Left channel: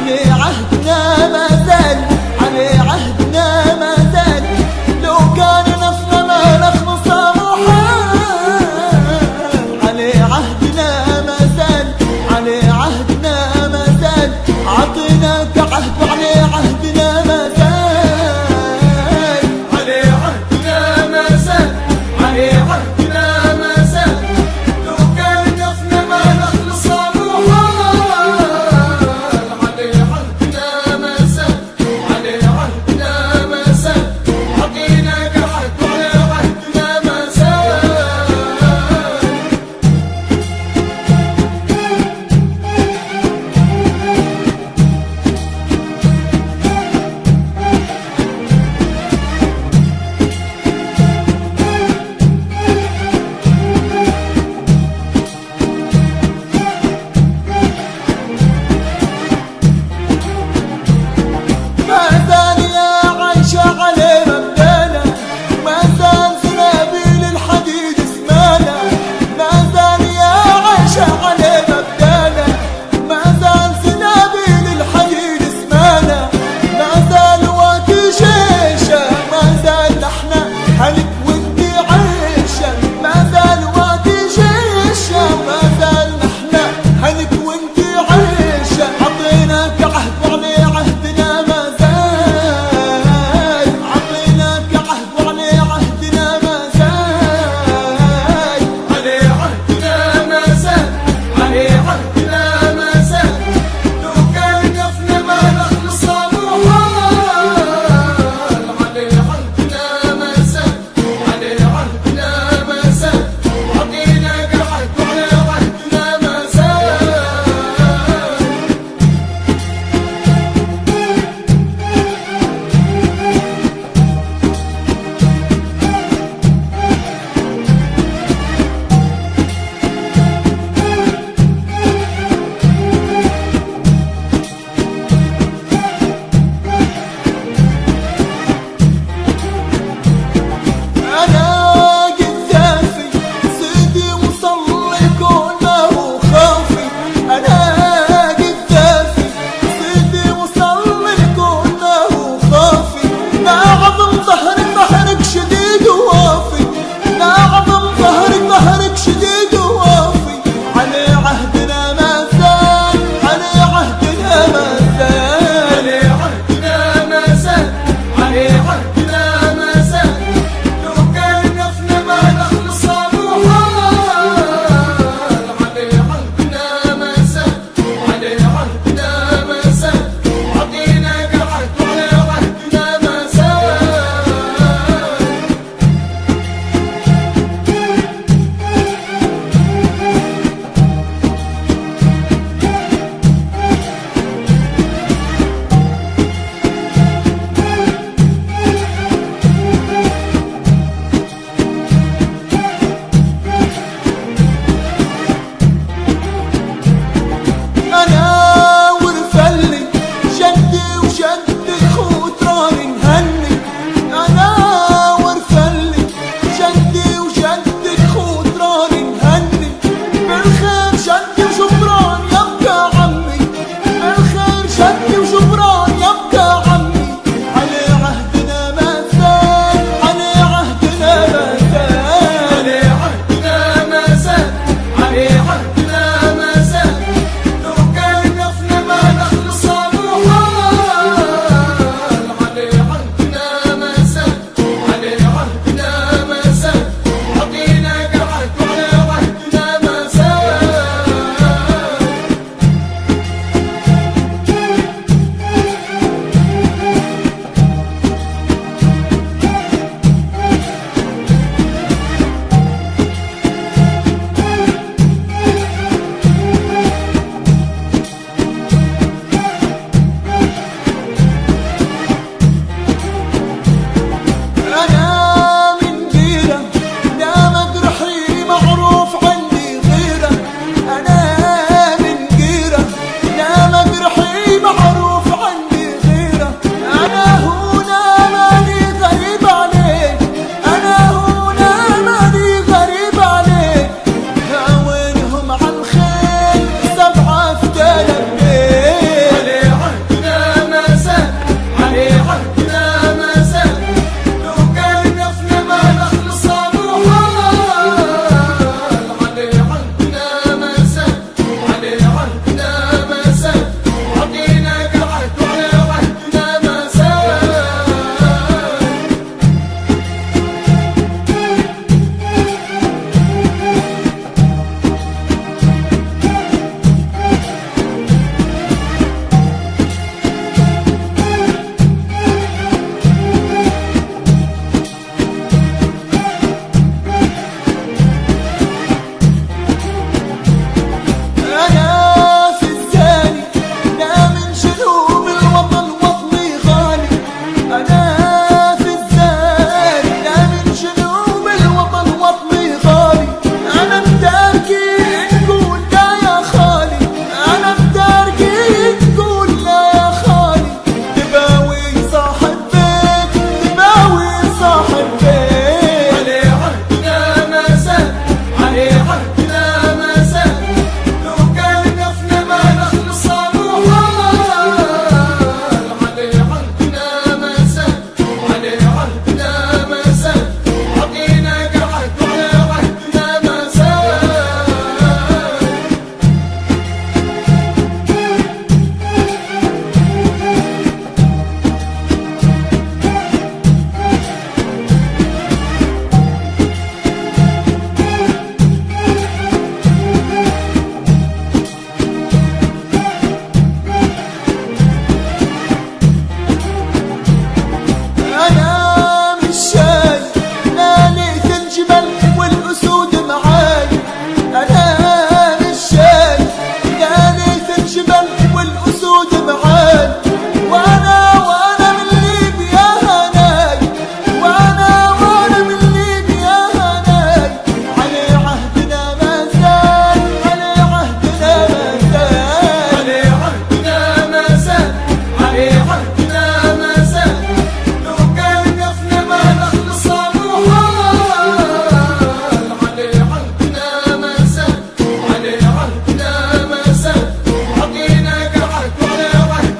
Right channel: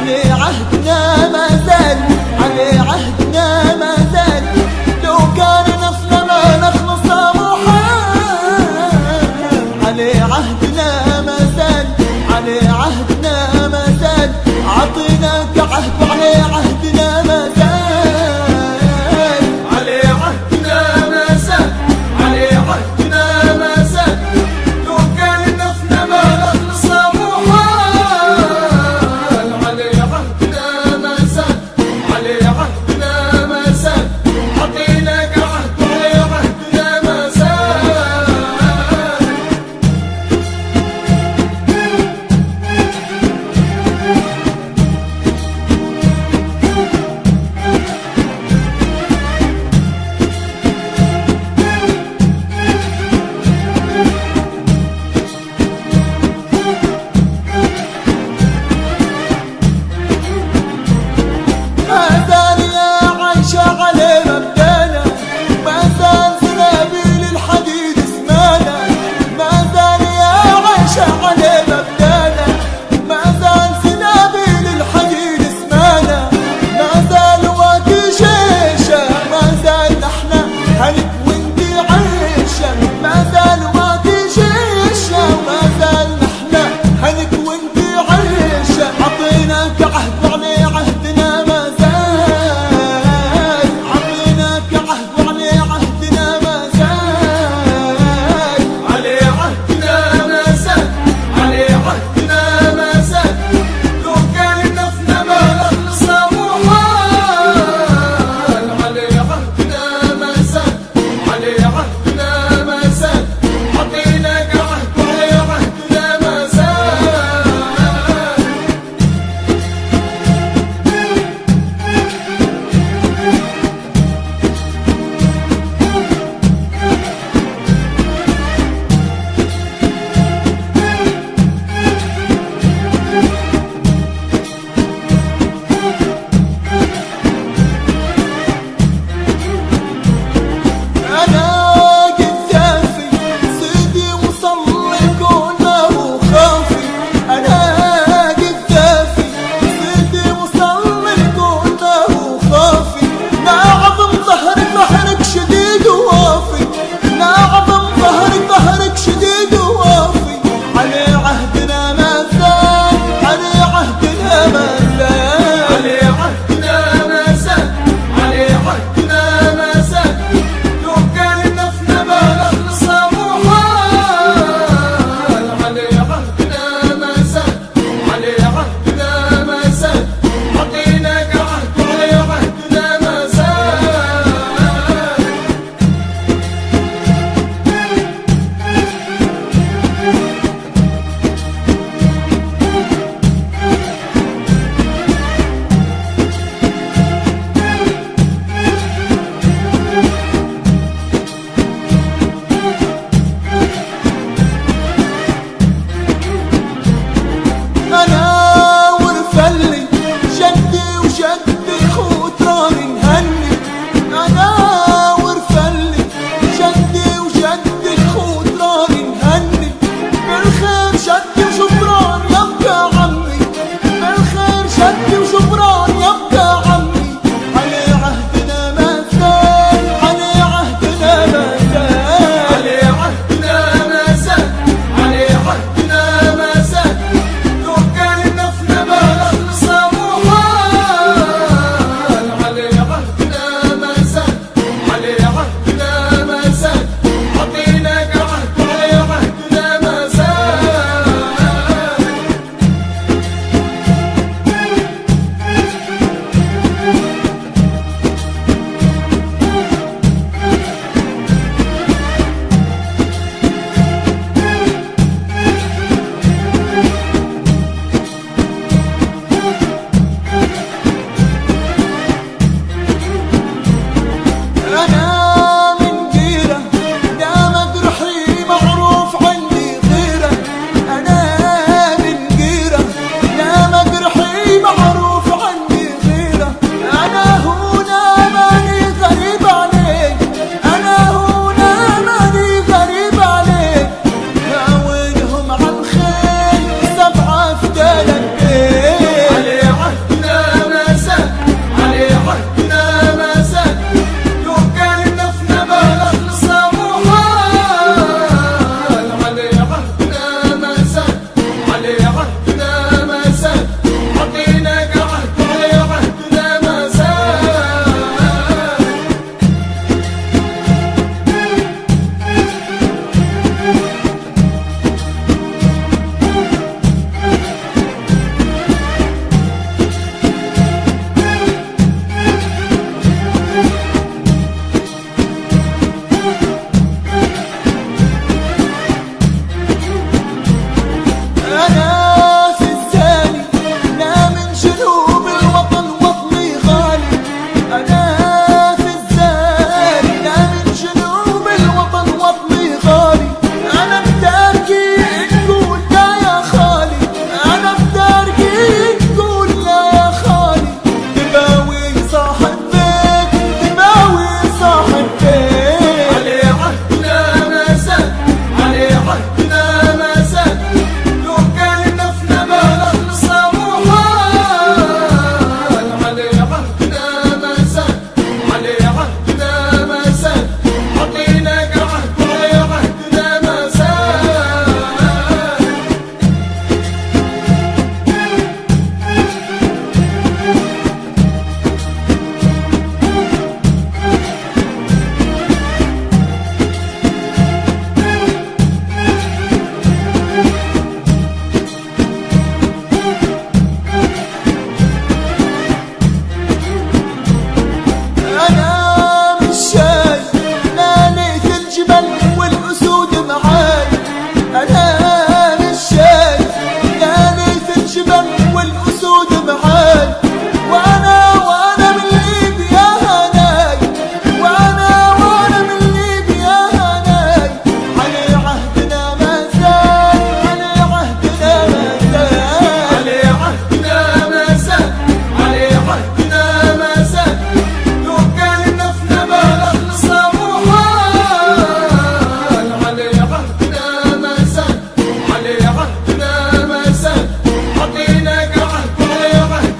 علي عهدنا ما زال، علي عهدنا ما زال، لو كان نفسنا ما نخلص محال. علي عهدنا ما زال، علي عهدنا ما زال، عطيناك عهد وعلي عهدنا ما زال. علي عهدنا ما زال، علي عهدنا ما زال، لو كان نفسنا ما نخلص محال. علي عهدنا ما زال، علي عهدنا ما زال، عطيناك عهد وعلي عهدنا ما زال. ما زال يا عيشة علي مبدانا، ما زال زنابيل الحديد اسمانا. ما زال يا عيشة علي مبدانا، ما زال زنابيل الحديد اسمانا. ما زال وادي شيشة، ما زال نحنا هلك وانتي عيشة. ما زال وادي شيشة، وما زال نحنا هلك وانتي عيشة. عطيناك عهد وعلي عهدنا ما زال، عطيناك عهد وعلي عهدنا ما زال. علي عهدنا ما زال، علي عهدنا ما زال، لو كان نفسنا ما نخلص محال. علي عهدنا ما زال، علي عهدنا ما زال، عطيناك عهد وعلي عهدنا ما زال. أنا قذافي سيدي وصل الكون ما هو خافي. أنا قذافي سيدي وصل الكون ما هو خافي. نعظم ظهرك ظهرك شديد ووافي، نعظم ظهرك ظهرك شديد ووافي. علي عهدنا ما زال، علي عهدنا ما زال. علي عهدنا ما زال، علي عهدنا ما زال، لو كان نفسنا ما نخلص محال. علي عهدنا ما زال، علي عهدنا ما زال، عطيناك عهد وعلي عهدنا ما زال. جنوب الوطن وطني غالي، أنا في الزاري لا من جنوب الوطن وطني غالي. أنا بداركي نقول لا يا خالي، أنا بداركي تقول لا يا خالي. تباوي صاحب بيت، تباوي صاحب بيت. علي عهدنا ما زال، علي عهدنا ما زال، لو كان دفن ما نخلص أبو حال. علي عهدنا ما زال، علي عهدنا ما زال، عطيناك عهد عهدنا ما زال. أنا مش شايف نانيت الجبل والأسود معاي، أنا مش شايف نانيت الجبل والأسود معاي. وأنا من ليبيا هناي، وأنا من ليبيا هناي. علي عهدنا ما زال، علي عهدنا ما زال. علي عهدنا ما زال، علي عهدنا ما زال، لو كان دفن ما نخلص أبو حال. علي عهدنا ما زال، علي عهدنا ما زال، عطيناك عهد عهدنا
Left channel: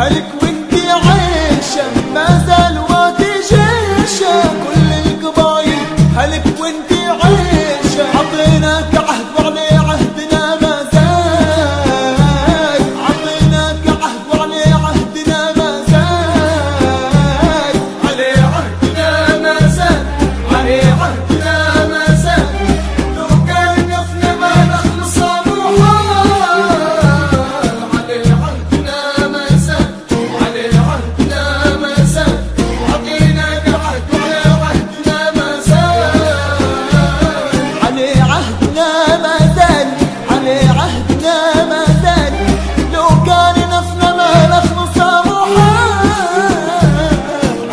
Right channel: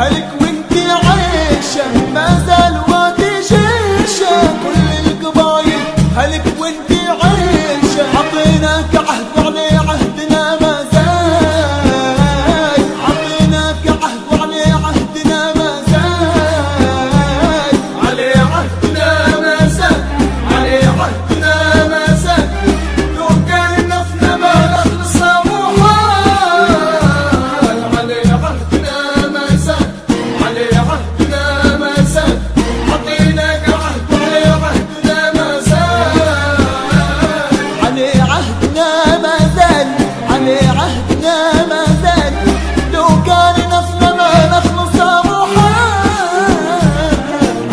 هلك وانتي عايشة ما زال وتجيشة كل القبايل هلك وانتي عايشة عطيناك عهد وعليه عهدنا ما زال عطيناك عهد وعليه عهدنا ما زال عليه عهدنا ما زال عليه عهدنا ما زال لو كان نفنا ما نخلص محال عليه عهدنا ما زال عليه عهدنا ما زال عطيناك عهد وعليه عهدنا ما زال عليه عهدنا ما زال عليه عهدنا ما زال لو كان نفنا ما نخلص محال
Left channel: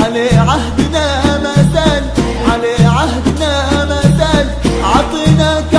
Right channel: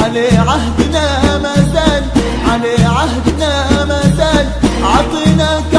عليه عهدنا ما زال عليه عهدنا ما زال عطيناك